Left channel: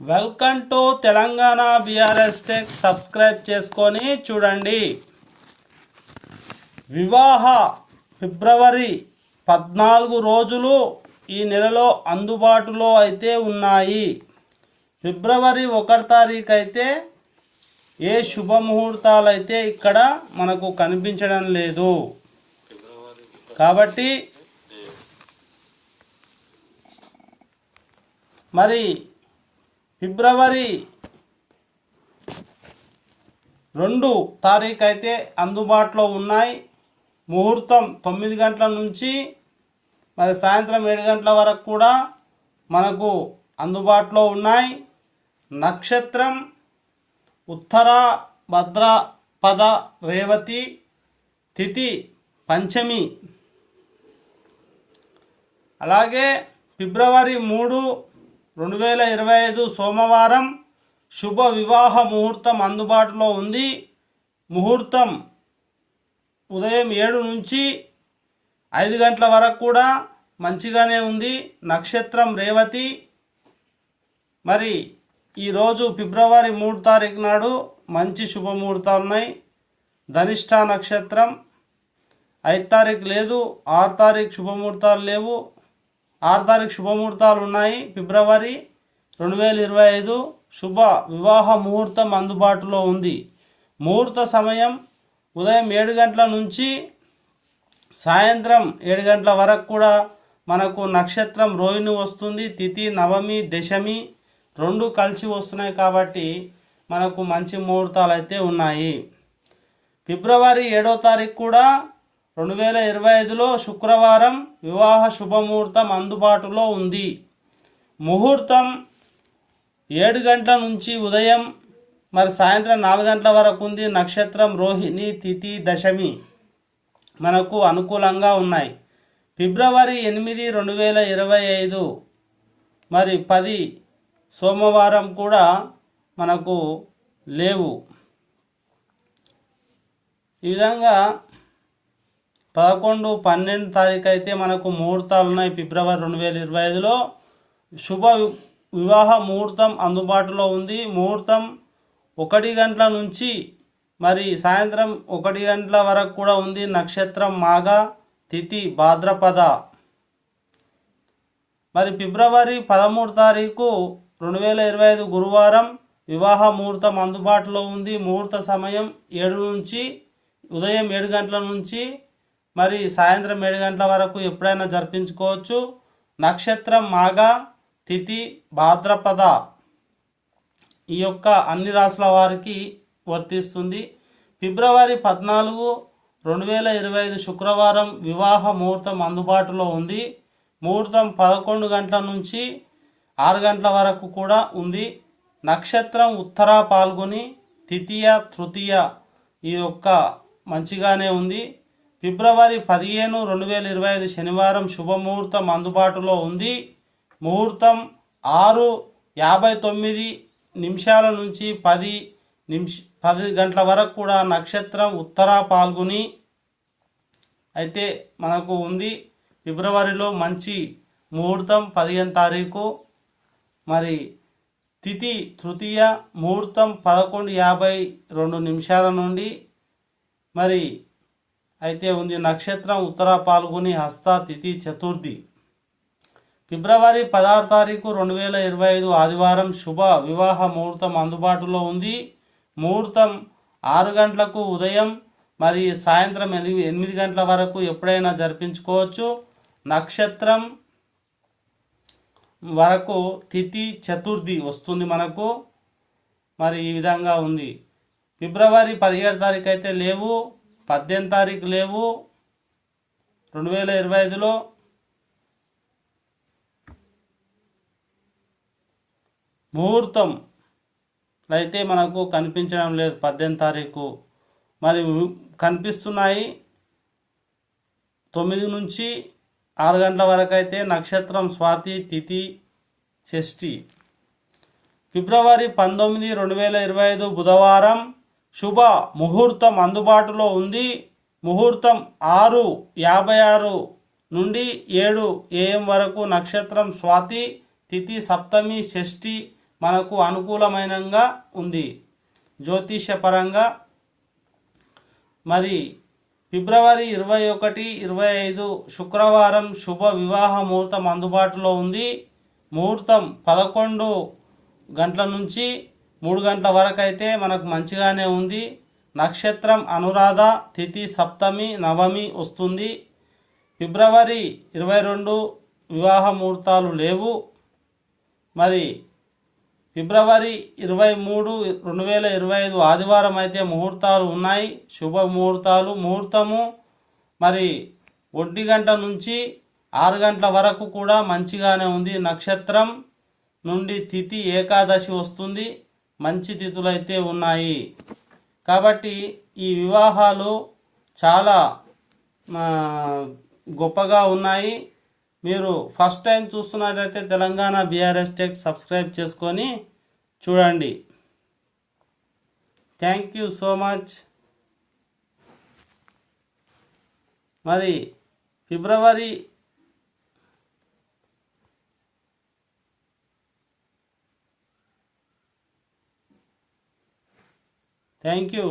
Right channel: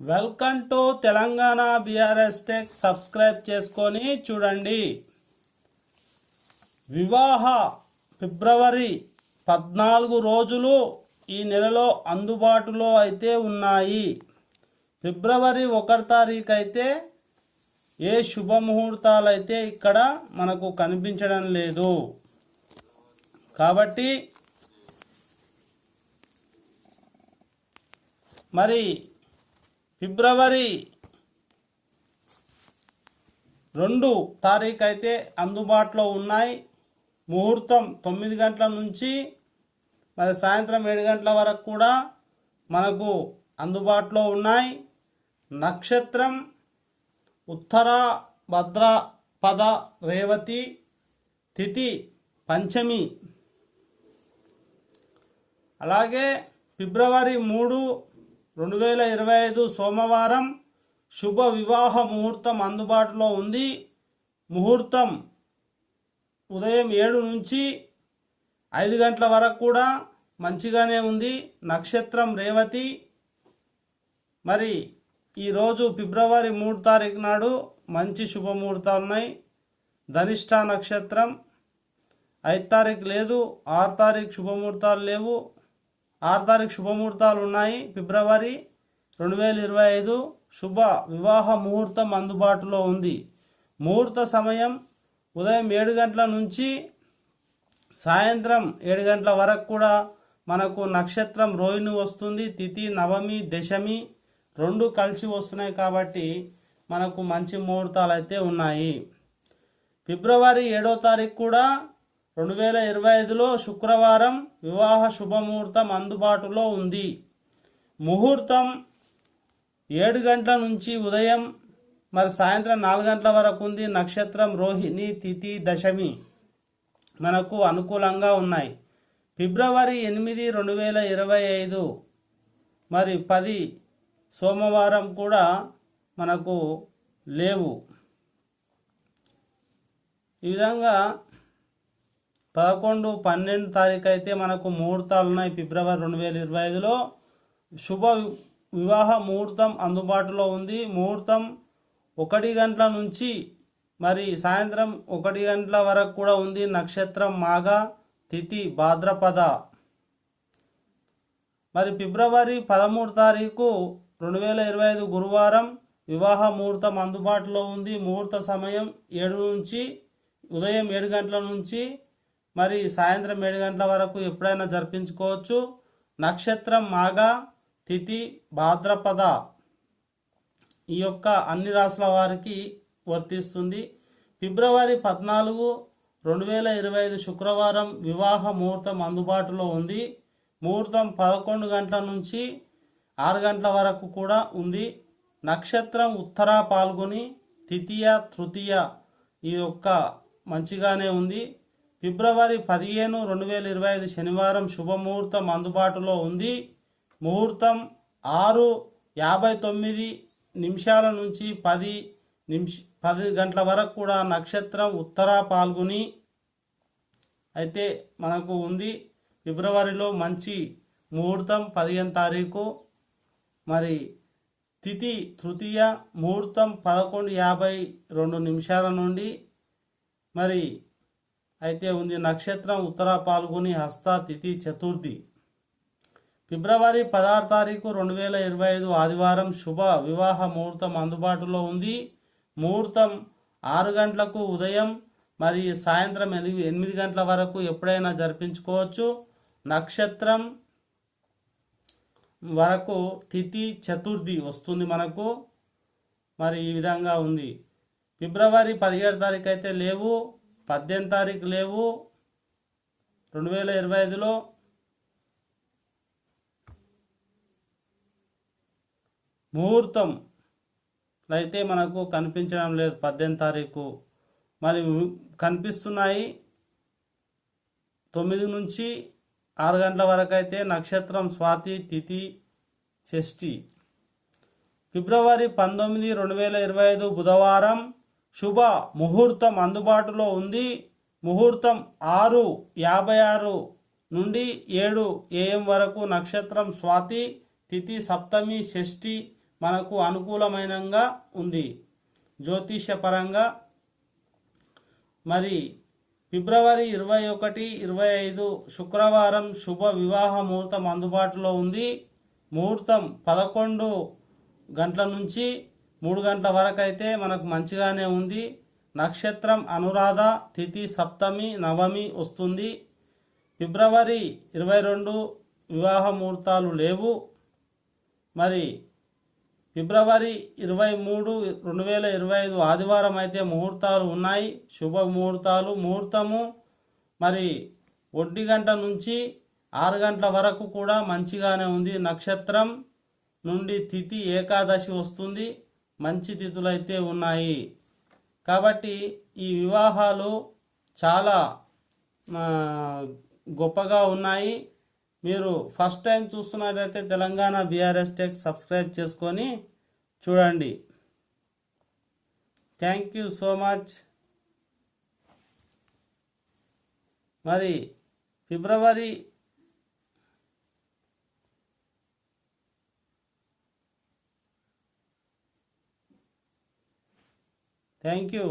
Welcome to Telangana BRS tech. Subscribe చేసుకొని చూడండి. వివాహ ఫిబ్రవరి 14 రోజులు ఈ నెలలో అందుబాటులో అయితే ఉన్నాయి. ఫిబ్రవరి 1 తారీఖు అయితే ఏ శుభముహూర్తాలు అయితే ఇక్కడ మనకు కనిపించడం లేదు. కాబట్టి మరి ఫిబ్రవరి 2 తారీఖు అయితే అందుబాటులో ఉన్నాయి. ముహూర్తం 9 గంటల నుంచి మరి సాయంత్రం 7 గంటల వరకు కూడా మనకు అందుబాటులో ఉన్నాయి. నక్షత్రం ఉత్తర భద్రపద రేవతి, తిథి పంచమి. అలాగే ఫిబ్రవరి 3, 2025 సోమవారం శుభ వివాహ ముహూర్తం అందుబాటులో ఉంది. ముహూర్తం ఉదయం 7 నుంచి 5 గంటల వరకు కూడా మంచిగానే ఉంది. నక్షత్రం రేవతి. మరి ఈరోజు ఫిబ్రవరి 3 తారీఖు నాడు మంచి శుభముహూర్తాలు ఉన్నాయి. ధనిష్ట నక్షత్రం 5 తారీఖు లేదు, 6 తారీఖు శుభముహూర్తాలు లేవు. 6 తారీఖు శుభముహూర్తాలు ఉన్నాయి. ఫిబ్రవరి 2025 శుభ వివాహ ముహూర్తం అందుబాటులో ఉంది. ముహూర్త సమయం ఉదయం 7 గంటల నుంచి సాయంత్రం 7 గంటల వరకు కూడా మనకు నక్షత్రం రోహిణి వస్తుంది. తిథి నవమి, దశమి 2 కలిసి వస్తున్నాయి కాబట్టి మనకు మంచి ముహూర్తాలు అయితే ఉన్నాయి. ఫిబ్రవరి 7వ తారీఖు కూడా 2025లో శుక్రవారం వివాహ శుభముహూర్తం అందుబాటులో ఉంది. ముహూర్తం 7 గంటల నుంచి ఉదయం మరి సాయంత్రం 4 గంటల వరకు ఉంది. నక్షత్రం రోహిణి, తిథి దశమి మనకు అనుకూలంగా ఉన్నాయి. ఫిబ్రవరి 8, 2025 మరి 10 సోమవారం కూడా మనకు లేవు. ఈ విధంగా 11, 12 తారీఖు అయితే మనకు ముహూర్తాలు ఉన్నాయి. ఫిబ్రవరి 2025లో శుభ వివాహ ముహూర్తం అందుబాటులో ఉంది. ముహూర్తం 1 గంటల నుంచి మరి సాయంత్రం 1 గంటల వరకు కూడా ఉంది. నక్షత్రం మాఘ, తిథి భాద్రపద. మరి ఫిబ్రవరి 13 తారీఖు 2025 గురువారం వివాహ ముహూర్తం అందుబాటులో ఉంది. ముహూర్త సమయం 7 నుంచి ఉదయం 7 గంటల నుంచి మరి సాయంత్రం 7 గంటల వరకు ఎప్పుడైనా జరిపించుకోవచ్చు. నక్షత్రం మాఘ, తిథి భాద్రపద. ఈ యొక్క అన్ని రాశుల వారికి వర్తిస్తుంది. ఫిబ్రవరి 14, 2025 శుక్రవారం వివాహ ముహూర్తం అందుబాటులో ఉంది. ముహూర్తం 11 గంటల నుంచి 6 గంటల వరకు కూడా ఉంది. నక్షత్రం ఉత్తర పాల్గొని, తృతీయ, తృతీయ ఈ యొక్క మంచిగానే ఉంది. ఫిబ్రవరి 15, 2025 శనివారం శుభముహూర్తం అందుబాటులో ఉంది. ముహూర్తం 6:59 నుంచి 10 గంటల వరకు కూడా నక్షత్రం ఉత్తర పాల్గొని అయితే మనకు ఉంది. ఫిబ్రవరిలో మంచి ముహూర్తం 15 తారీఖు. మరి తిథి తృతీయ, ముహూర్తం 11:52 నుండి మరి అయితే ఉంది. నక్షత్రం ఉత్తర పాల్గొని, హస్త, తిథి చతుర్థి. ఫిబ్రవరి 16 తారీఖు 2025 ఆదివారం శుభ వివాహ ముహూర్తం అందుబాటులో ఉంది. ముహూర్తం 6 గంటలకు ఉదయం మరి సాయంత్రం 8 గంటల వరకు ఎప్పుడైనా జరిపించుకోవచ్చు. నక్షత్రం వరకు తిథి చతుర్థి వస్తుంది మనకు. మరి ఈ విధంగా ఉంది. ఫిబ్రవరి 17 తారీఖు అయితే లేవు, 18 తారీఖు లేవు 2025లో. ముహూర్తం అయితే మనకు కనిపించడం లేదు 18 తారీఖు. మరి కనిపిస్తున్నాయి 9 నుంచి 6 గంటల వరకు అయితే. నక్షత్రం స్వాతి, తిథి షష్ఠి. ఫిబ్రవరి 19, 2025 బుధవారం శుభ ముహూర్తం అందుబాటులో ఉంది. ముహూర్తం 6:56 నుండి 7 AM వరకు. నక్షత్రం స్వాతి, తిథి సప్తమి, షష్ఠి మనకు అనుకూలమైనగా ఉంది జ్యోతిష్యపరంగా. మరి ఫిబ్రవరి 21, 25 శుక్రవారం శుభ వివాహ ముహూర్తం అందుబాటులో ఉంది. ముహూర్తం 11 గంటల నుంచి 3 గంటల వరకు అయితే మనకు మంచిగానే ఉంది. నక్షత్రం అనురాధ, తిథి సప్తమి నవమి వస్తుంది. ఫిబ్రవరి 22 వివాహ ముహూర్తాలు లేవు. మరి ఫిబ్రవరి 23, 2025 ఆదివారం అయితే ముహూర్తాలు ఉన్నాయి, శుభ ముహూర్తాలు. ముహూర్తము మరి 1 గంట నుంచి 6 గంటల వరకు కూడా మంచిగానే ఉంది. నక్షత్రం నుండి తిథి ఏకాదశి వస్తుంది, మంచి తిథులు అయితే ఉన్నాయి. కాబట్టి ఈ వివాహాలు చాలా గొప్పగా ఉన్నాయి. మీరు ఫస్ట్ టైం చూస్తున్నట్లయితే తెలంగాణ బీఆర్ఎస్ టెక్ సబ్స్క్రైబ్ చేసుకొని చూడండి. Thank you so much. మరి ఫిబ్రవరి థ్యాంక్ యూ.